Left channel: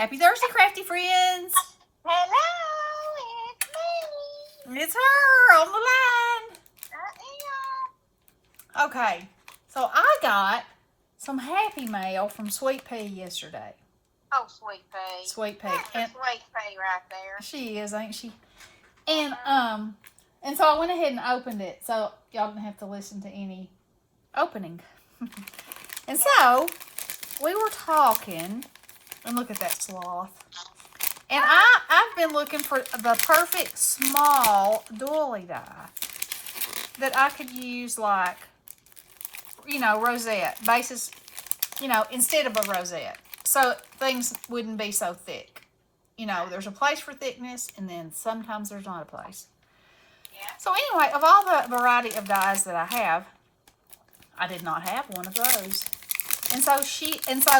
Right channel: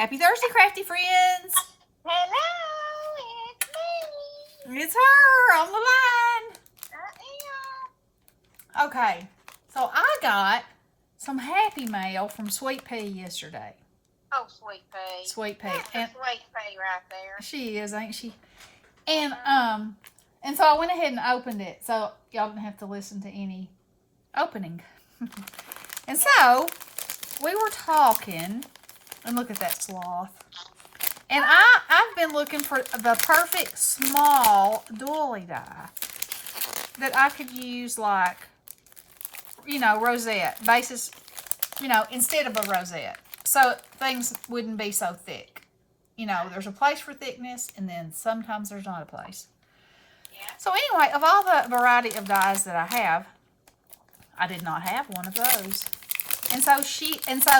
Happy Thursday, crafty friends. Hello, it's me. It's her on the line. I Okay, so I got some Happy Mail from Sweet Pea yesterday. Oh, Sweet Pea. Sweet Pea. That's a Sweet Pea right there. She is, ain't she? And so I went ahead and opened it, so y'all didn't have to listen to any opening. And so we were talking, and look at that sloth. And I've been looking for the perfect small doily die that I could use, like, rosette bases, instead of a rosette, so things wouldn't be so thick. There's a place for thickness, and then sometimes there's not a place. Yeah. So anyway, of all the variety of dies that I have, I did not have one of those. And so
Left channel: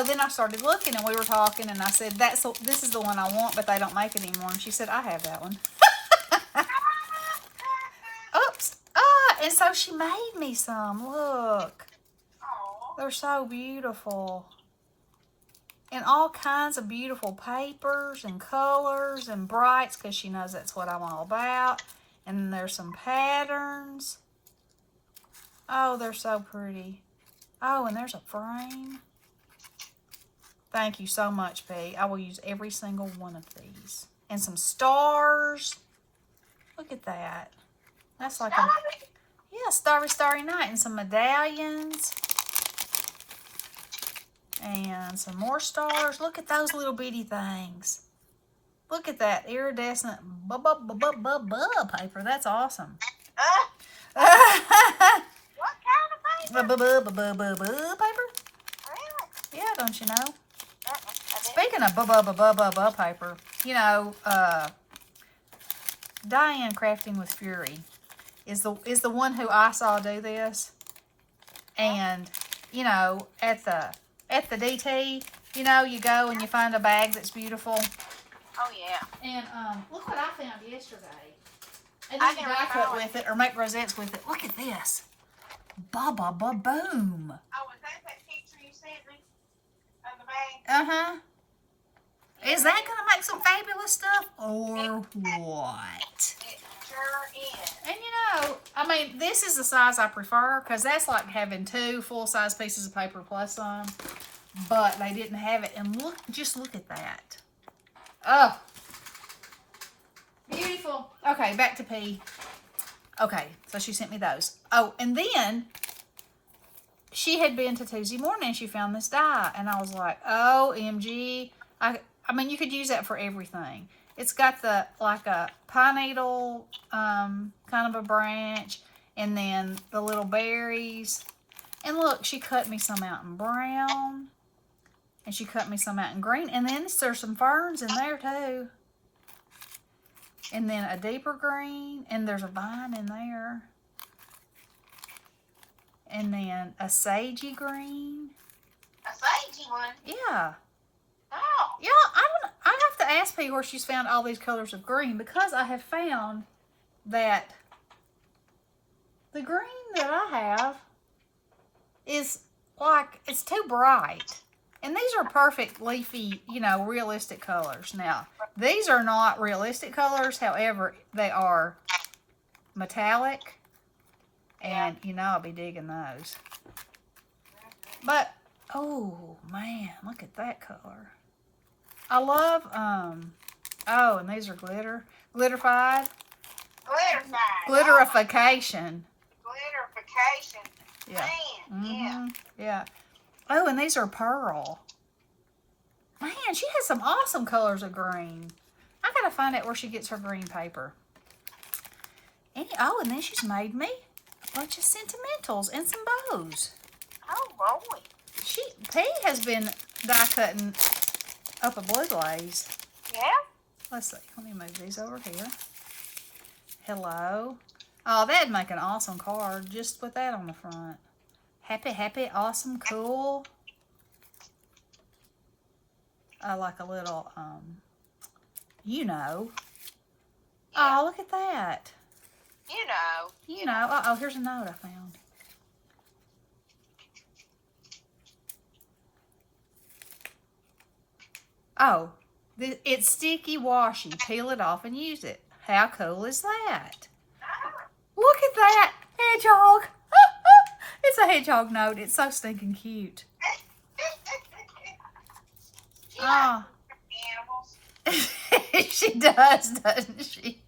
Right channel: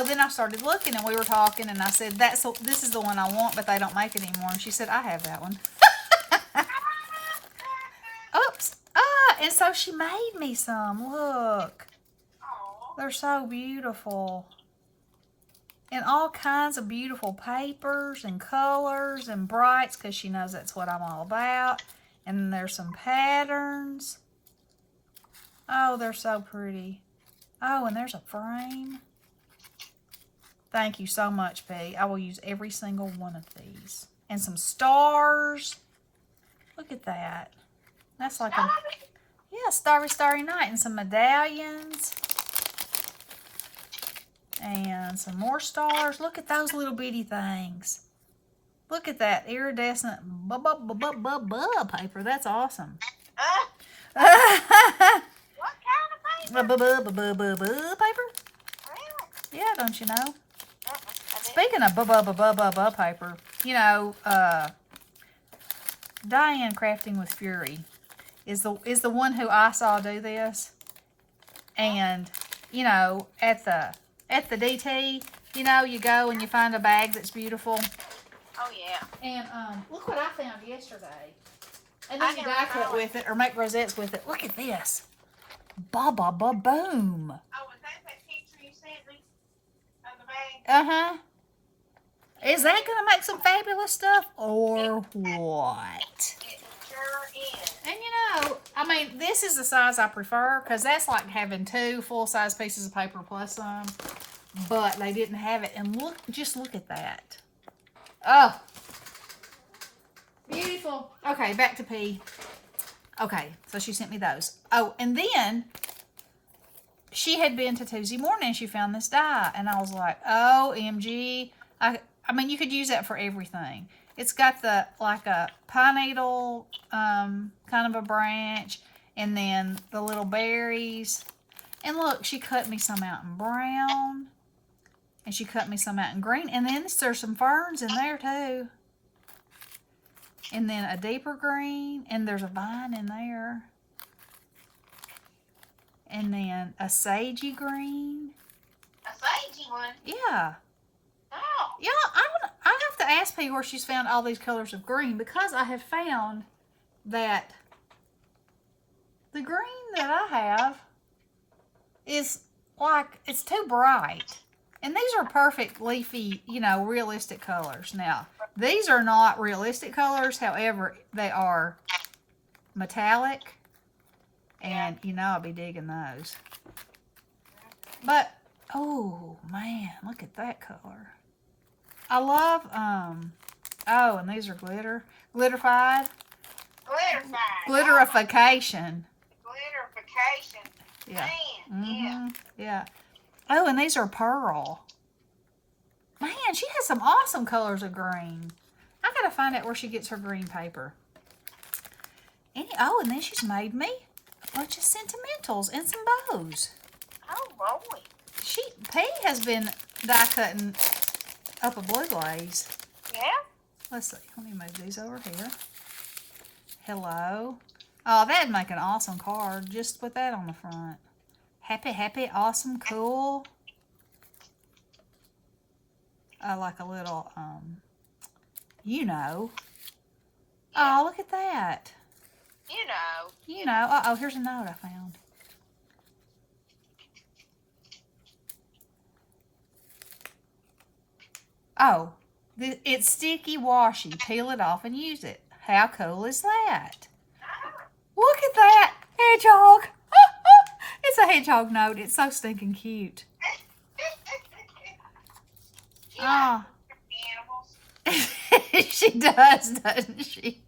then I started looking, and we were talking, and I said, this is the one I want, but they don't make it anymore. And she said, I have that one. Oops. And so she made me some. Look. Aww. They're so beautiful. And all kinds of beautiful papers and colors and brights, because she knows that's what I'm all about. And then there's some patterns. Oh, they're so pretty. Oh, and there's a frame. Thank you so much, P. I will use every single one of these. And some stars. Look at that. That's like starry night. And some medallions. And some more stars. Look at those little bitty things. Look at that iridescent paper. That's awesome. What kind of paper? Paper? Really? Yeah, don't you know? I Speaking of paper, Diane Crafting with Fury is the one who I saw do this. And, at the DT, you go and you find a bag that's beautiful. Oh, yeah. And look what I found yesterday. And you can die cut with it or make rosettes with it. Look at this. Boom. Oh, is that picture you sent me of the bag? Uh-huh. Is that going to make some fabulous stuff or what? It sure is. And this is the size I prefer, because that's like having 2 full-size pieces of paper plus some. But they didn't have it. And just look at that. Oh. Beautiful. Okay, back to P. Okay, so she sent me those. Oh, and then she had been to Tuesday morning and she found this die. And I was like, OMG. You could use that for everything. It's got like a pine needle kind of a branch, and then the little berries. And look, she cut me some out in brown, and she cut me some out in green. And then there's some ferns in there too. And then a deeper green, and there's a vine in there. And then a sagey green. A sagey one? Yeah. Oh. Yeah, I have to ask P where she's found all these colors of green, because I have found that the green that I have is like, it's too bright. And these are perfect leafy, realistic colors. Now, these are not realistic colors. However, they are metallic. And, I'll be digging those. But, oh, man, look at that color. I love, and these are glitter. Glitterified. Glitterification. Glitterification. Yeah. Man, yeah. Yeah. Oh, and these are pearl. Man, she has some awesome colors of green. I gotta find out where she gets her green paper. And then she's made me a bunch of sentimentals and some bows. Oh, boy. P has been die cutting up a blue glaze. Yeah? Let's see. Let me move these over here. Hello. Oh, that'd make an awesome card. Just put that on the front. Happy, awesome, cool. Like a little, Yeah. Oh, look at that. You know. Here's a note I found. Oh, It's sticky washy. Peel it off and use it. How cool is that? Look at that hedgehog. It's a hedgehog note. It's so stinking cute. Oh. She does, doesn't she?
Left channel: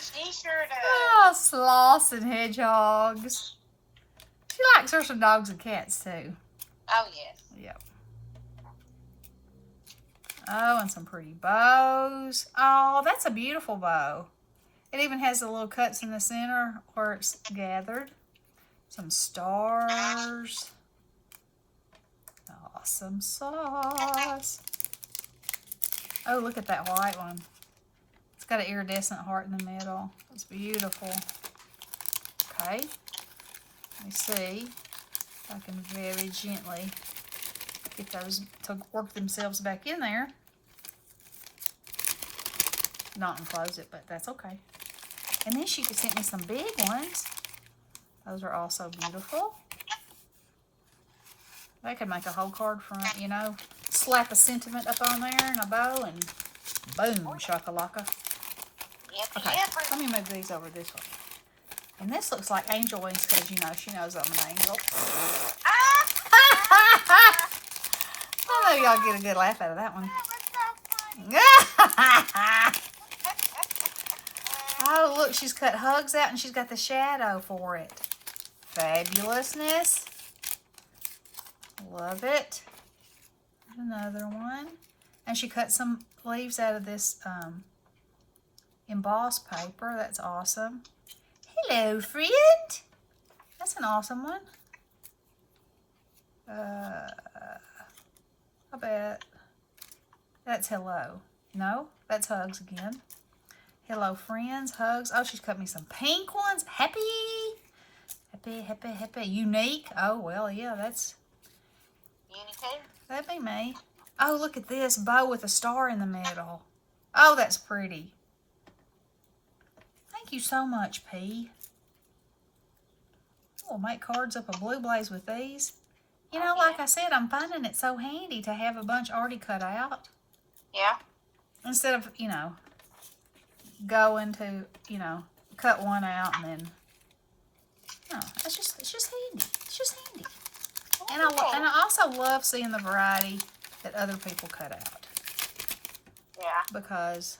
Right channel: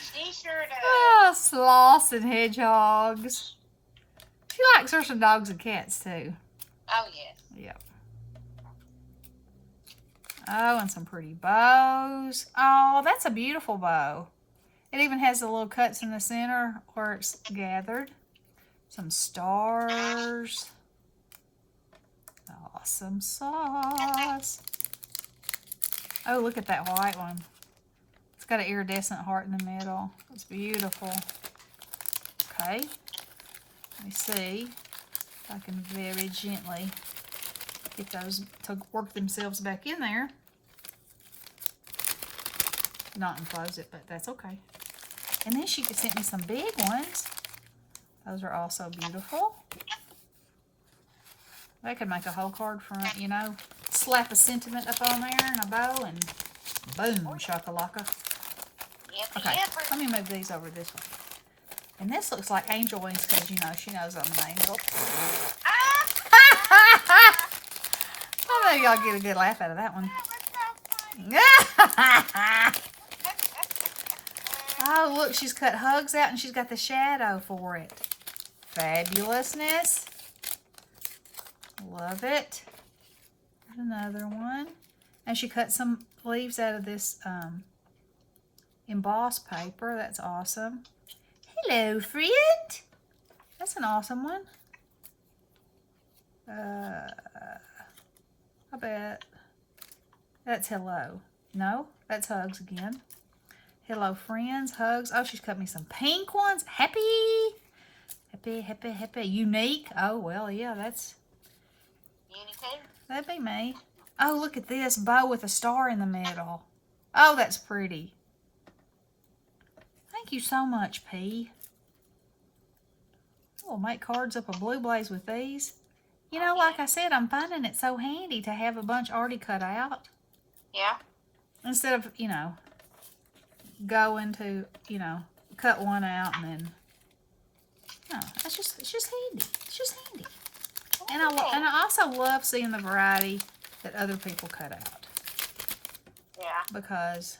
She sure does. Oh, sloths and hedgehogs. She likes her some dogs and cats too. Oh, yes. Yep. Oh, and some pretty bows. Oh, that's a beautiful bow. It even has the little cuts in the center where it's gathered. Some stars. Awesome sauce. Oh, look at that white one. It's got an iridescent heart in the middle. It's beautiful. Okay. Let me see if I can very gently get those to work themselves back in there. Not enclose it, but that's okay. And then she sent me some big ones. Those are also beautiful. I could make a whole card from it, you know. Slap a sentiment up on there and a bow and boom, shakalaka. Okay, let me move these over this way. And this looks like angel wings because, you know, she knows I'm an angel. I know y'all get a good laugh out of that one. Oh, look, she's cut hugs out and she's got the shadow for it. Fabulousness. Love it. Another one. And she cut some leaves out of this embossed paper. That's awesome. Hello, friend. That's an awesome one. I bet that's hello. No, that's hugs again. Hello, friends. Hugs. Oh, she's cut me some pink ones. Happy. Happy, happy, happy. Unique. Oh, well, yeah, that's... That'd be me. Oh, look at this bow with a star in the middle. Oh, that's pretty. Thank you so much, P. We'll make cards up a blue blaze with these. You know, like I said, I'm finding it so handy to have a bunch already cut out. Yeah. Instead of, you know, going to, you know, cut one out and then... No, it's just handy. It's just handy. And I also love seeing the variety that other people cut out. Yeah. Because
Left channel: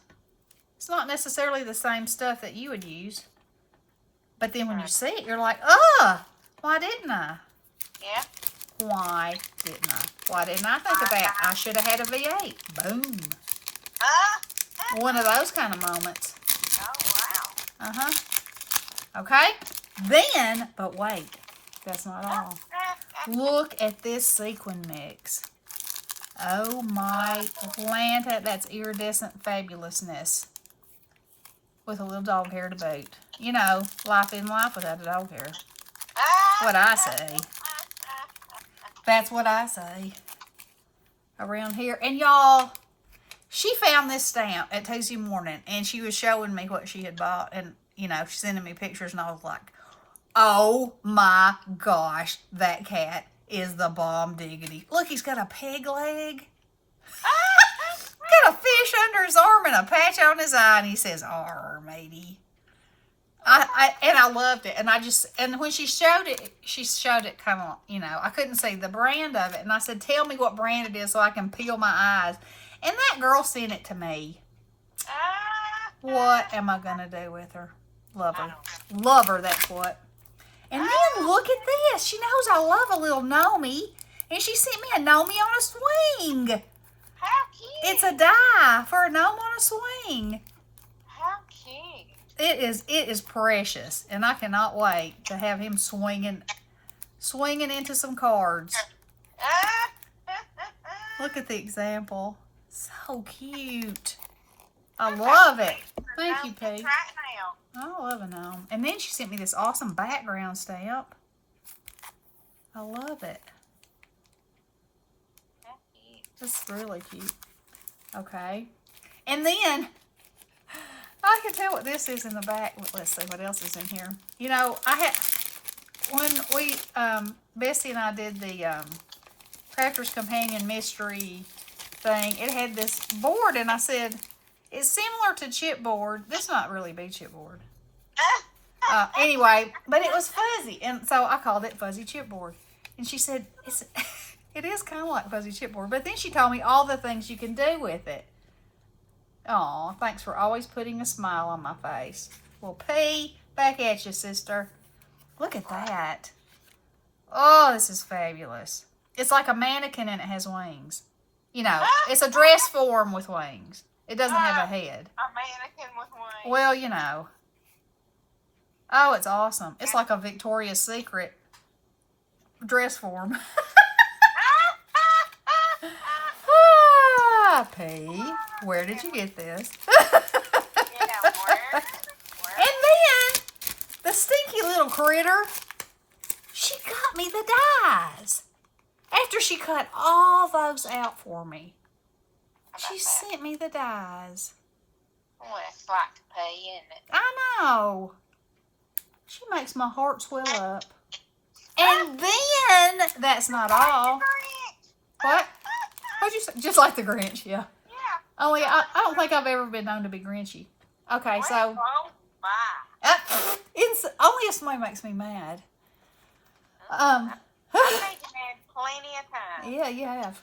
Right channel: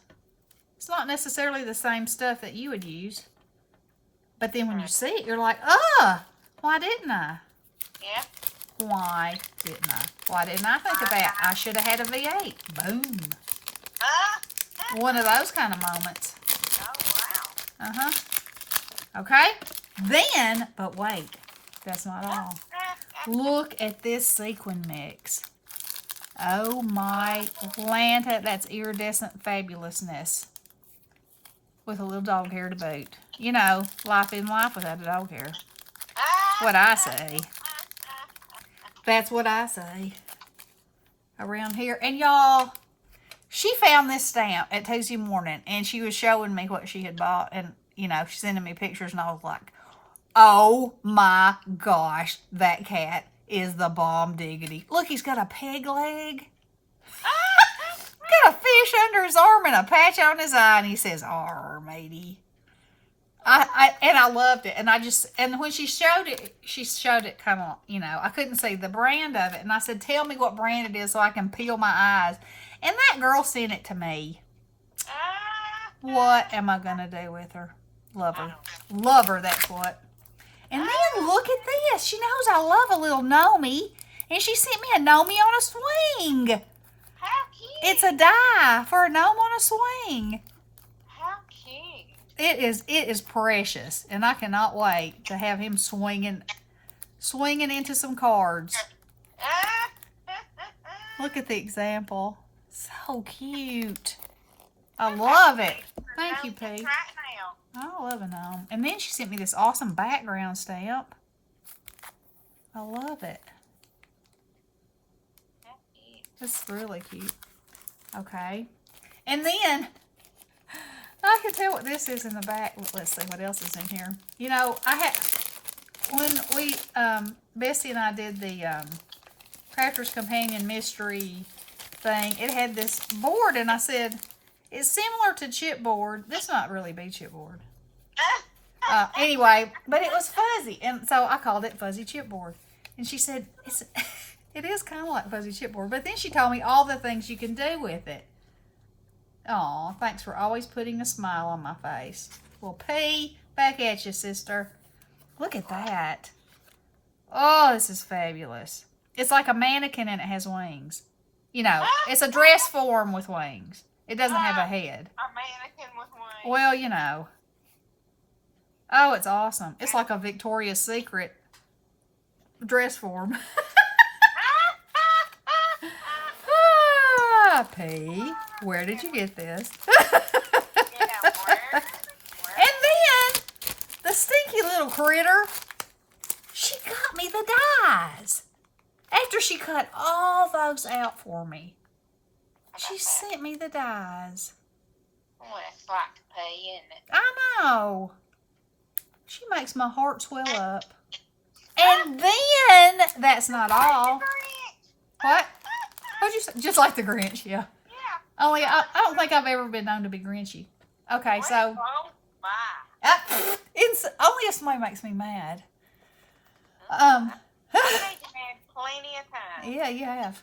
it's not necessarily the same stuff that you would use. But then when you see it, you're like, why didn't I? Yeah. Why didn't I? Why didn't I think of that? I should have had a V8. Boom. One of those kind of moments. Oh, wow. Uh-huh. Okay? Then, but wait, that's not all. Look at this sequin mix. Oh my Atlanta, that's iridescent fabulousness. With a little dog hair to boot. You know, life in life without a dog hair. What I say. That's what I say. Around here. And y'all, she found this stamp at Tuesday morning and she was showing me what she had bought. And, you know, she's sending me pictures and I was like, oh my gosh, that cat is the bomb diggity. Look, he's got a peg leg. Got a fish under his arm and a patch on his eye, and he says, "Arr, matey." I loved it, and when she showed it kind of, you know, I couldn't see the brand of it, and I said, "Tell me what brand it is so I can peel my eyes." And that girl sent it to me. What am I gonna do with her? Love her. That's what. And then look at this. She knows I love a little Nomi, and she sent me a Nomi on a swing. How cute. It's a die for a gnome on a swing. How cute. It is precious, and I cannot wait to have him swinging into some cards. Look at the example. So cute. I love it. Thank you, P. I love a gnome. And then she sent me this awesome background stamp. I love it. That's really cute. Okay. And then, I can tell what this is in the back. Let's see what else is in here. You know, when we, Bessie and I did the Crafter's Companion Mystery thing, it had this board, and I said, it's similar to chipboard. This might really be chipboard. Anyway, but it was fuzzy, and so I called it fuzzy chipboard. And she said, it is kind of like fuzzy chipboard. But then she told me all the things you can do with it. Aw, thanks for always putting a smile on my face. Well, P, back at you, sister. Look at that. Oh, this is fabulous. It's like a mannequin and it has wings. You know, it's a dress form with wings. It doesn't have a head. A mannequin with wings. Well, you know. Oh, it's awesome. It's like a Victoria's Secret dress form. P, where did you get this? And then, the stinky little critter, she got me the dies. After she cut all those out for me, she sent me the dies. Well, it's like to pay, isn't it? I know. She makes my heart swell up. And then, that's not all. What? What'd you say? Just like the Grinch, yeah. Yeah. Only, I don't think I've ever been known to be Grinchy. Okay, so. Only if somebody makes me mad. I think you had plenty of time. Yeah, you have.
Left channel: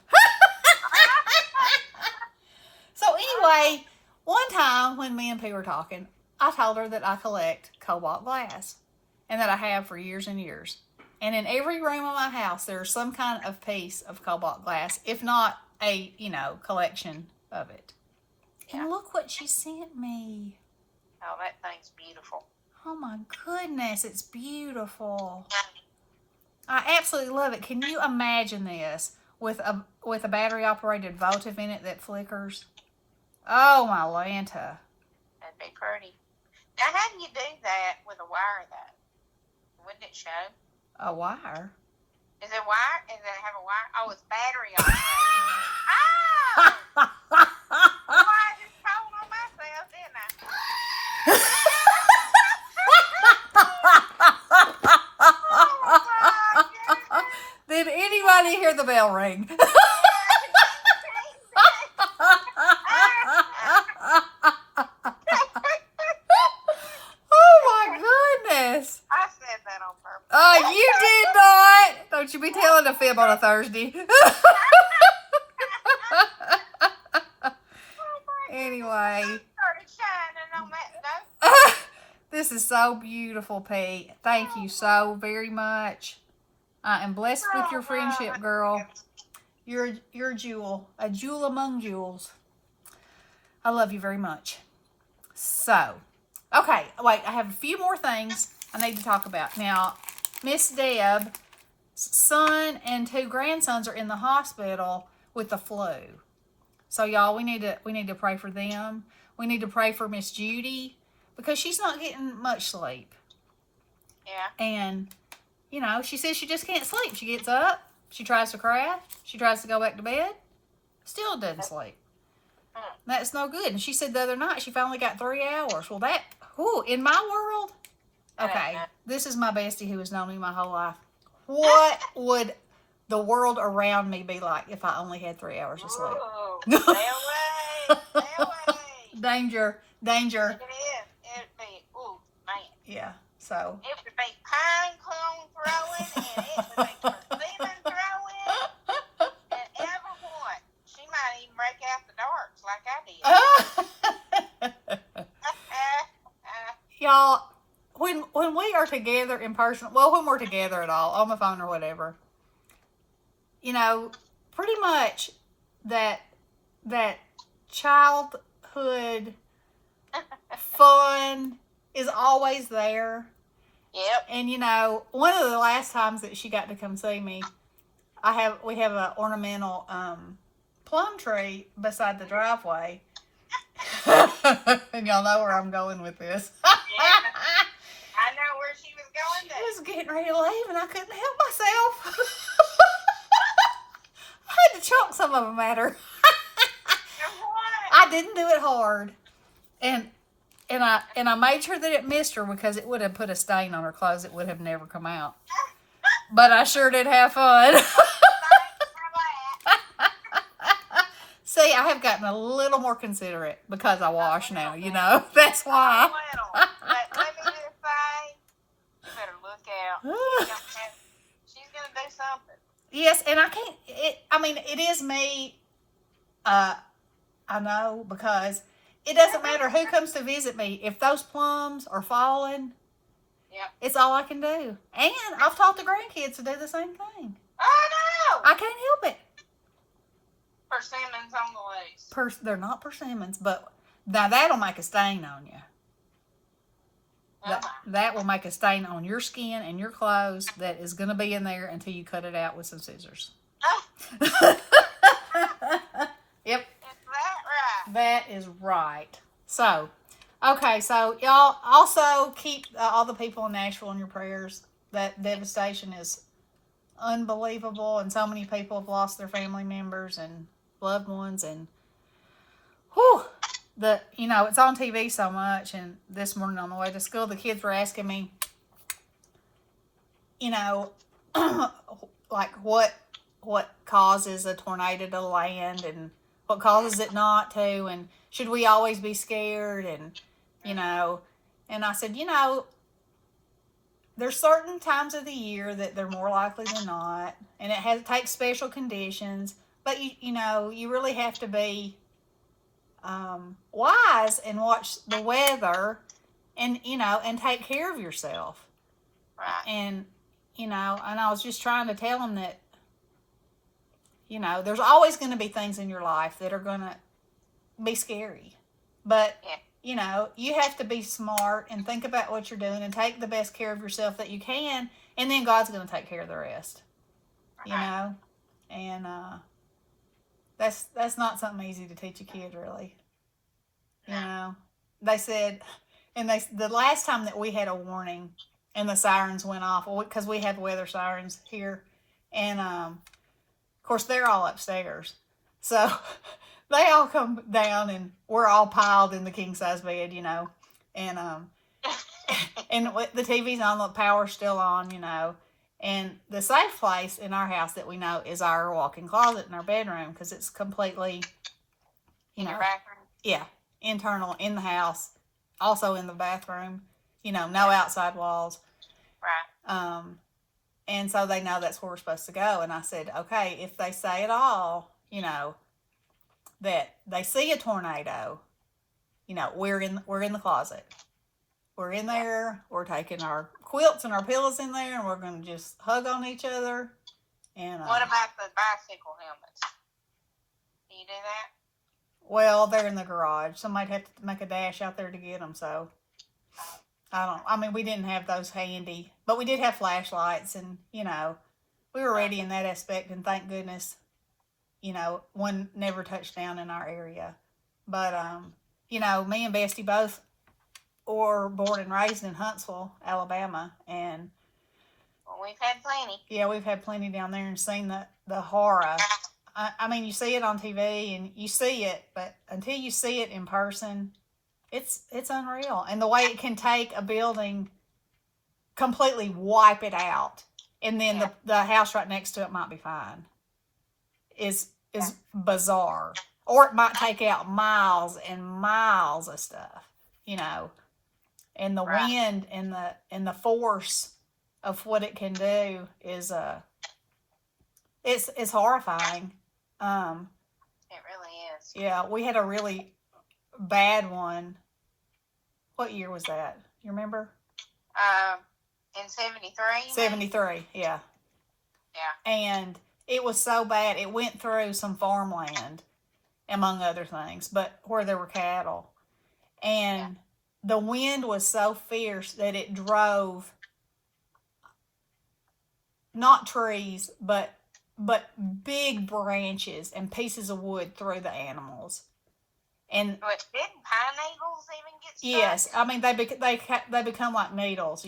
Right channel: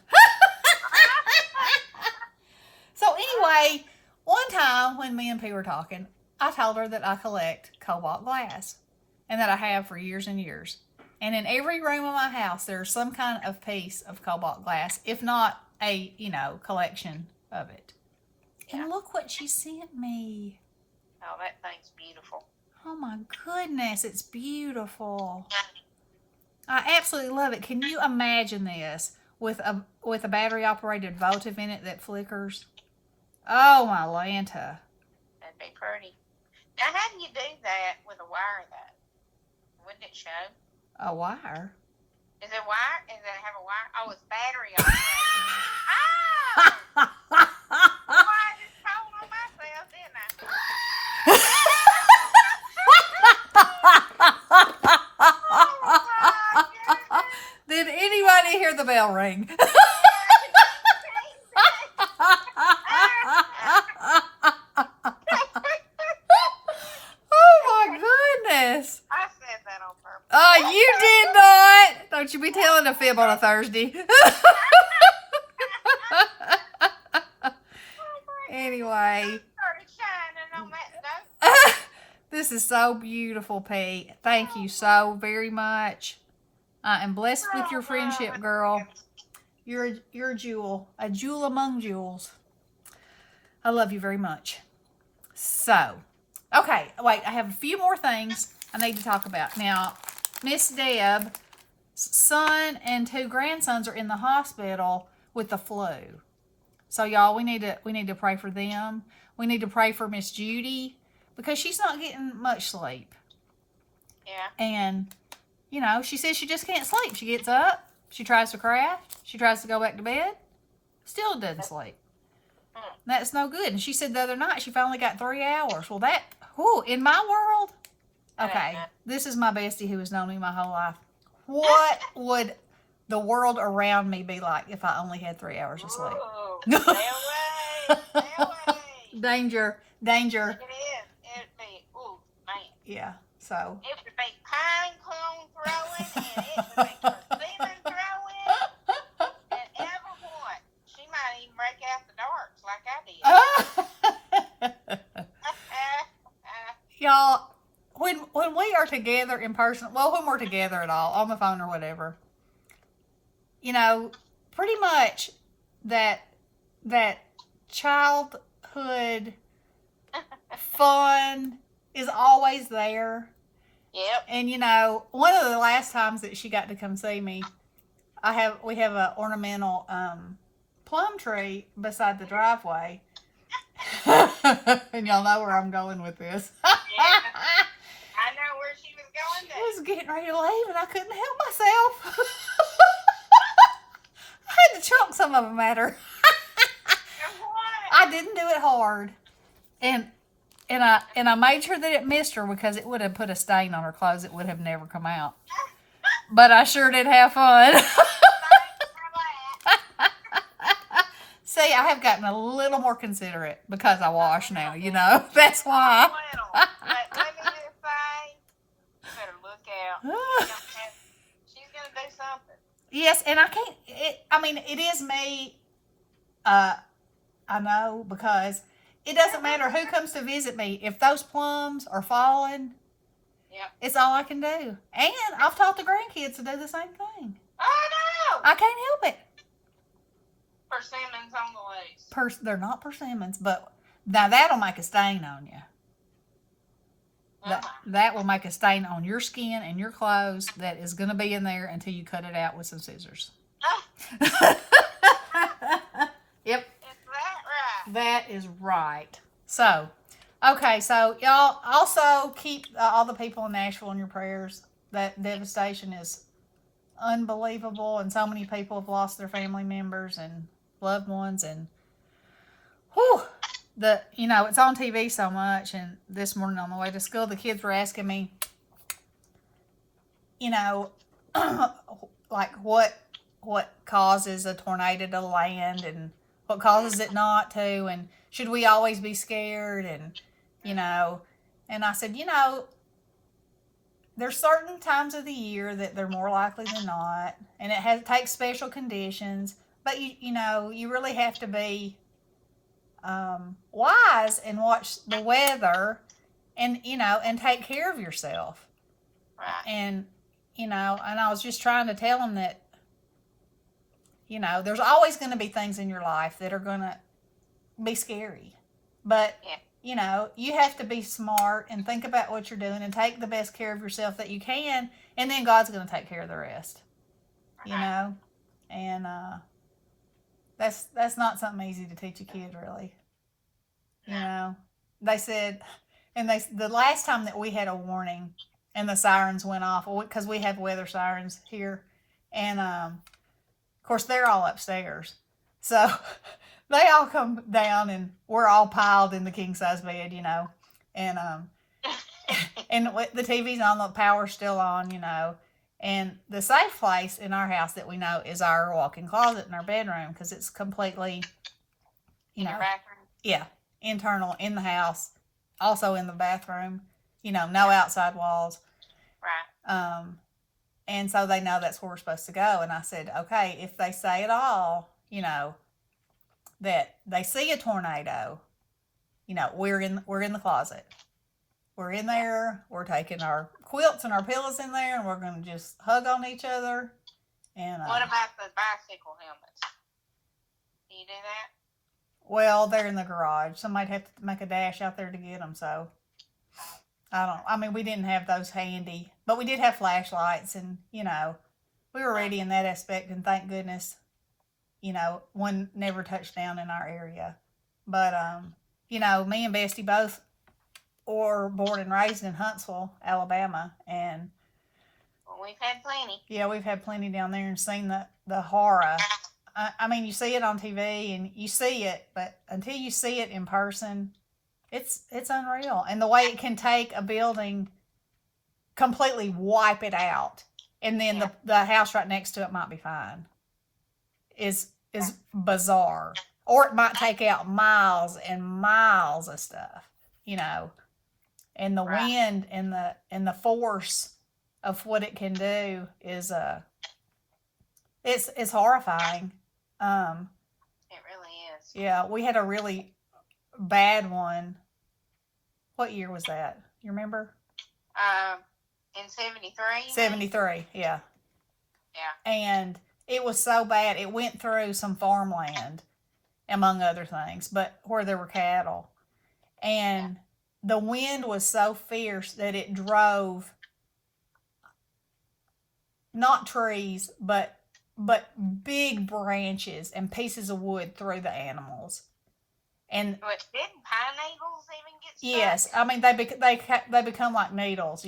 So anyway, one time when me and P were talking, I told her that I collect cobalt glass. And that I have for years and years. And in every room of my house, there's some kind of piece of cobalt glass, if not a, collection of it. Yeah. And look what she sent me. Oh, that thing's beautiful. Oh my goodness, it's beautiful. I absolutely love it. Can you imagine this with a battery operated votive in it that flickers? Oh my Lanta. That'd be pretty. Now, how do you do that with a wire though? Wouldn't it show? A wire? Is it wire? Does it have a wire? Oh, it's battery operated. Oh! Well, I just told on myself, didn't I? Did anybody hear the bell ring? Oh my goodness. I said that on purpose. Oh, you did not. Don't you be telling a fib on a Thursday. Anyway. Started shining on that note. This is so beautiful, Pete. Thank you so very much. I am blessed with your friendship, girl. You're a jewel among jewels. I love you very much. So, okay, wait, I have a few more things I need to talk about. Now, Miss Deb's son and 2 grandsons are in the hospital with the flu. So, y'all, we need to pray for them. We need to pray for Miss Judy because she's not getting much sleep. Yeah. And, she says she just can't sleep. She gets up, she tries to craft, she tries to go back to bed, still doesn't sleep. That's no good. And she said the other night she finally got 3 hours. Well, in my world, okay, this is my bestie who has known me my whole life. What would the world around me be like if I only had 3 hours of sleep? Stay away. Stay away. Danger. It is. It'd be, ooh, man. Yeah, so. It would be pine cone throwing, and it would be persimmon throwing, and everyone. She might even break out the darts like I did. Y'all, when we are together in person, well, when we're together at all, on the phone or whatever, pretty much that childhood fun is always there. Yep. And one of the last times that she got to come see me, we have an ornamental plum tree beside the driveway. And y'all know where I'm going with this. Yeah. I know where she was going to. I was getting ready to leave and I couldn't help myself. I had to chunk some of them at her. I didn't do it hard. And I made sure that it missed her because it would have put a stain on her clothes. It would have never come out. But I sure did have fun. So See, I have gotten a little more considerate because I wash now, you know. That's why. But let me just say, you better look out. She's gonna do something. Yes, and I can't. It is me. I know, because it doesn't matter who comes to visit me. If those plums are falling, yeah, it's all I can do. And I've taught the grandkids to do the same thing. Oh no! I can't help it. Persimmons on the loose. They're not persimmons, but now that'll make a stain on you. That will make a stain on your skin and your clothes that is going to be in there until you cut it out with some scissors. Yep. Is that right? That is right. So, okay, so y'all also keep all the people in Nashville in your prayers. That devastation is unbelievable, and so many people have lost their family members and loved ones, and whew, it's on TV so much. And this morning on the way to school, the kids were asking me, like what causes a tornado to land and what causes it not to, and should we always be scared, and and I said, there's certain times of the year that they're more likely than not, and it takes special conditions, but you really have to be wise and watch the weather, and and take care of yourself. Right. And and I was just trying to tell them that there's always going to be things in your life that are going to be scary, but you have to be smart and think about what you're doing and take the best care of yourself that you can, and then God's going to take care of the rest. And that's not something easy to teach a kid, really. They said, and the last time that we had a warning and the sirens went off, because we have weather sirens here, and of course they're all upstairs, so they all come down and we're all piled in the king size bed, and and the TV's on, the power's still on, and the safe place in our house that we know is our walk-in closet in our bedroom, because it's completely, in your bathroom. Yeah, internal in the house, also in the bathroom, no outside walls. Right. And so they know that's where we're supposed to go. And I said, okay, if they say at all, that they see a tornado, we're in the closet. We're in there. We're taking our quilts and our pillows in there, and we're going to just hug on each other. And what about the bicycle helmets? Do you do that? Well, they're in the garage. Somebody'd have to make a dash out there to get them. So we didn't have those handy, but we did have flashlights, and we were ready in that aspect, and thank goodness, one never touched down in our area. But me and Bestie both were born and raised in Huntsville, Alabama, and we've had plenty. Yeah, we've had plenty down there and seen the horror. You see it on TV and you see it, but until you see it in person, it's unreal. And the way it can take a building, completely wipe it out, and then the house right next to it might be fine, is bizarre. Or it might take out miles and miles of stuff, And the wind and the force of what it can do is it's horrifying. It really is. Yeah, we had a really bad one. What year was that? You remember? In 73? 73, yeah. Yeah. And it was so bad, it went through some farmland, among other things, but where there were cattle. And the wind was so fierce that it drove not trees, but big branches and pieces of wood through the animals. And but didn't pine needles even get stuck? Yes, they become like needles.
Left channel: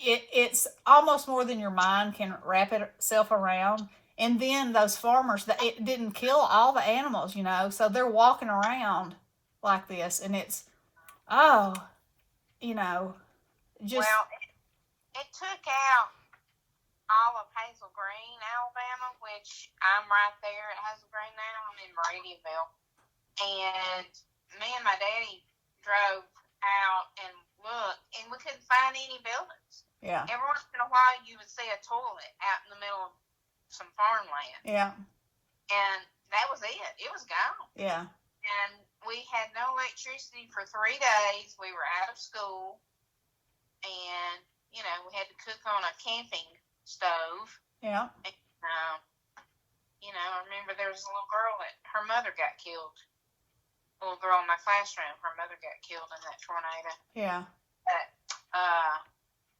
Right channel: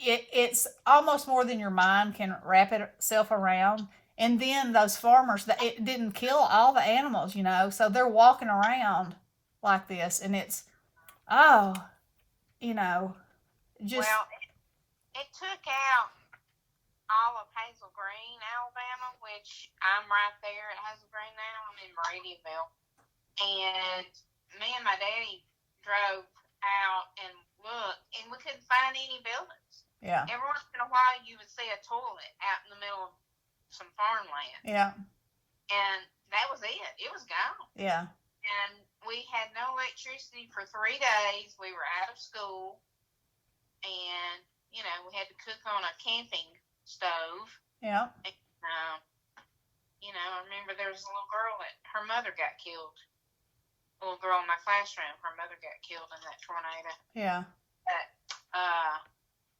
It's almost more than your mind can wrap itself around. And then those farmers, it didn't kill all the animals, so they're walking around like this, and it's just. Well, it took out all of Hazel Green, Alabama, which I'm right there at Hazel Green now. I'm in Meridianville. And me and my daddy drove out and looked, and we couldn't find any buildings. Yeah. Every once in a while, you would see a toilet out in the middle of some farmland. Yeah. And that was it. It was gone. Yeah. And we had no electricity for 3 days. We were out of school. And, you know, we had to cook on a camping stove. Yeah. And, you know, I remember there was a little girl that her mother got killed. A little girl in my classroom, her mother got killed in that tornado. Yeah. But,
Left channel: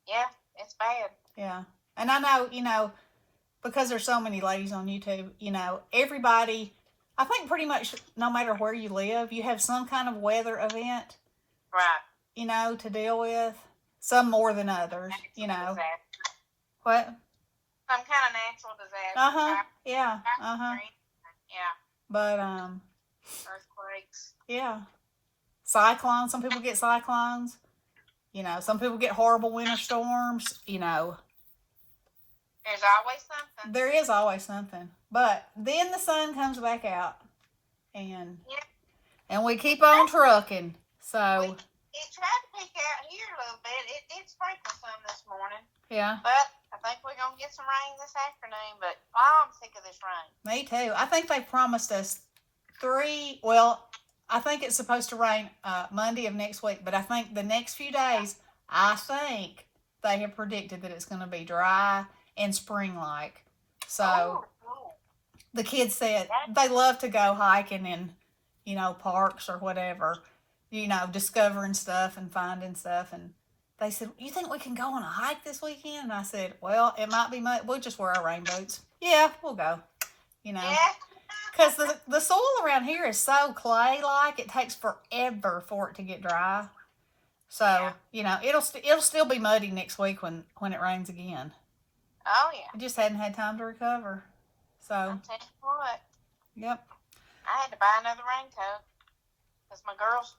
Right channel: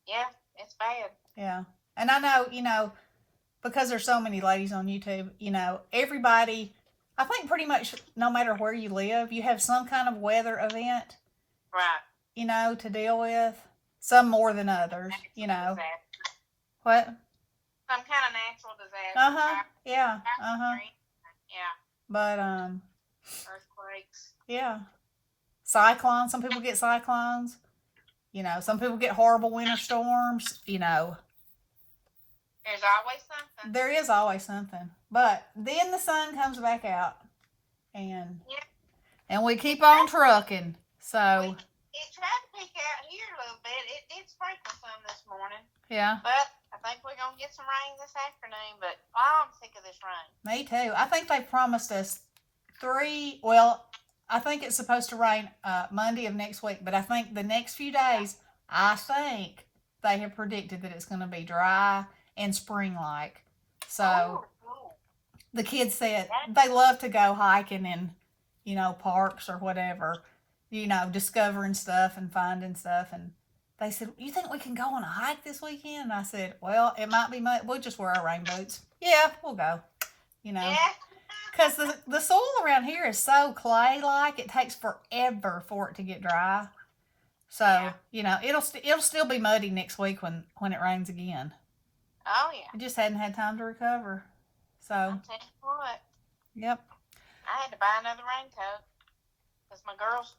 yeah, it's bad. Yeah. And I know, you know, because there's so many ladies on YouTube, you know, everybody, I think pretty much no matter where you live, you have some kind of weather event. Right. You know, to deal with. Some more than others, you know. Disaster. What? Some kind of natural disaster. Uh-huh. Yeah. Uh-huh. Yeah. But, earthquakes. yeah. Cyclones. Some people get cyclones. You know, some people get horrible winter storms, you know. There's always something. There is always something. But then the sun comes back out. And and we keep on trucking. So it tried to peek out here a little bit. It did sprinkle some this morning. Yeah. But I think we're going to get some rain this afternoon. But I'm sick of this rain. Me too. I think they promised us I think it's supposed to rain Monday of next week. But I think the next few days, I think they have predicted that it's going to be dry and spring-like. So the kids said they love to go hiking in, you know, parks or whatever, you know, discovering stuff and finding stuff. And they said, you think we can go on a hike this weekend? And I said, well, it might be much. We'll just wear our rain boots. Yeah, we'll go, you know. Because the soil around here is so clay-like, it takes forever for it to get dry. So, you know, it'll still be muddy next week when it rains again. Oh, yeah. It just hadn't had time to recover. So. I'll tell you what. Yep. I had to buy another raincoat. Because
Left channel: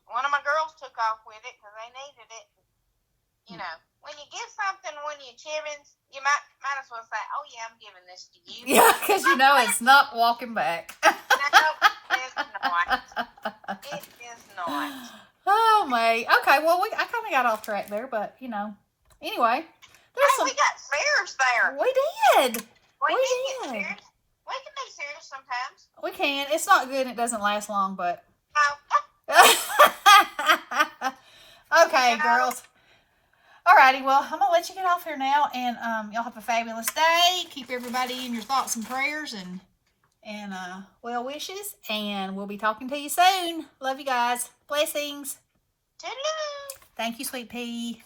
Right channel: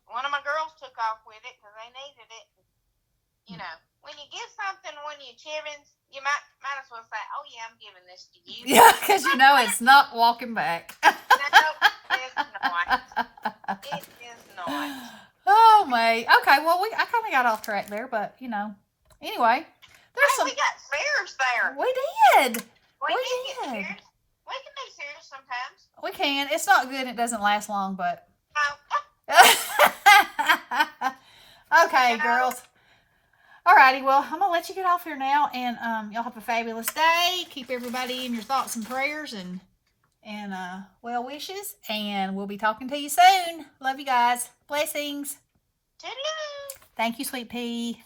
one of my girls took off with it because they needed it. You know, when you give something when you're children, you might as well say, oh, yeah, I'm giving this to you. Yeah, because you know it's not walking back. No, it's not. It is not. Oh, mate. Okay, well, I kind of got off track there, but, you know, anyway. We got serious there. We did. We did get serious. We can be serious sometimes. We can. It's not good. It doesn't last long, but. Okay, girls. Alrighty, well, I'm going to let you get off here now, and y'all have a fabulous day. Keep everybody in your thoughts and prayers and well wishes, and we'll be talking to you soon. Love you guys. Blessings. Toodaloo. Thank you, Sweet Pea.